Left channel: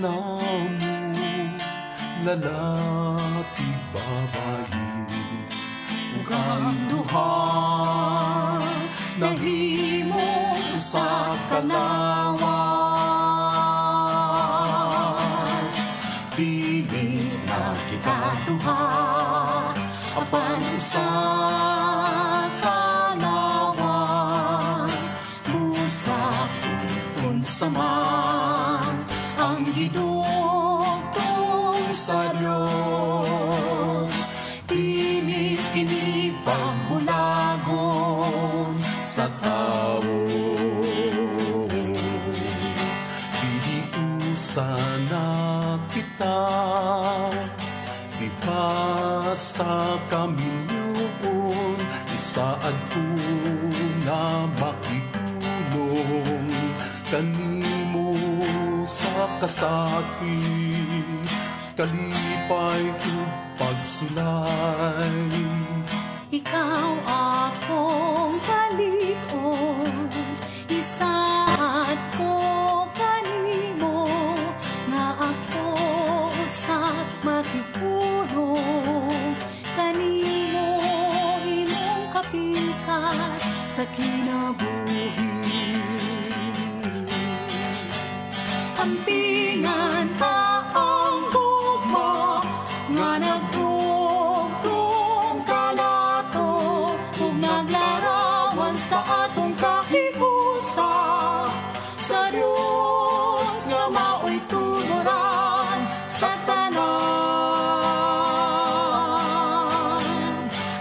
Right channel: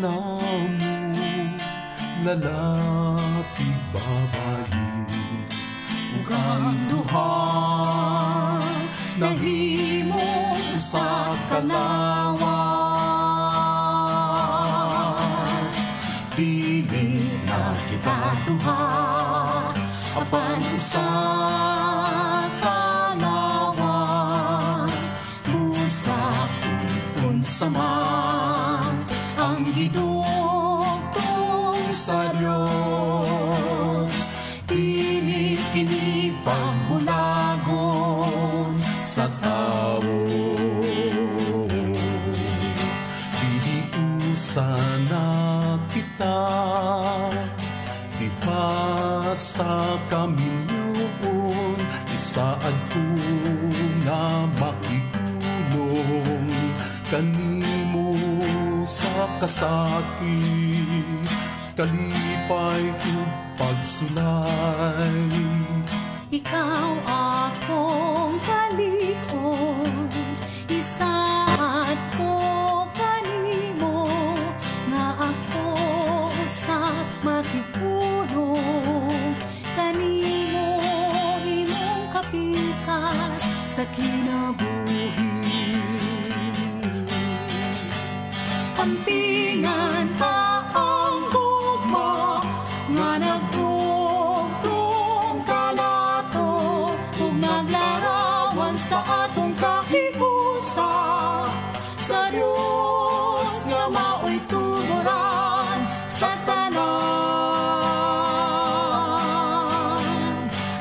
namo lalaki babayi ug ang duha nahimo sa kalawas. Dili na kita duha apan sa kalawas. Usap unsa man ang hidugtong sa Dios. Dili kini pangmunagon sa tao. Dili sana kita di pa sa kaminyuon isaad ko na makitulong kanimo sa kasakit kalipay ug pagsulay. Ikaw akong kalikon, isaad ko kanimo, nga ako sa makitulong kanimo imong kapikas sa kinabuhi. Ampingan ka ang gugma nga nagdugtong kanato ug naglarawan sa atong kahiusa sa Dios nga mao'y tuguran sa tanan.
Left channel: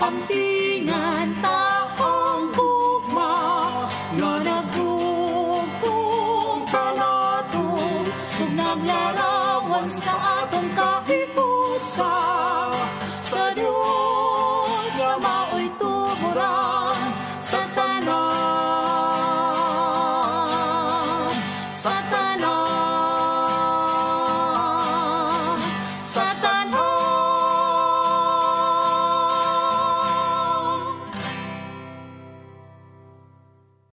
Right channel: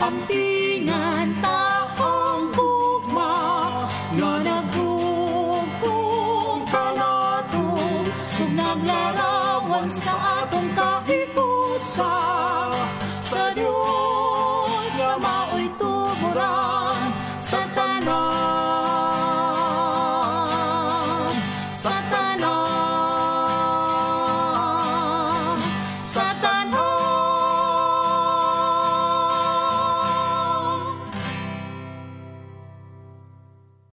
Ampingan ta ang gugma nga nagdugtong kanato ug naglarawan sa atong kahiusa sa Dios nga mao'y tuguran sa tanan. Sa tanan.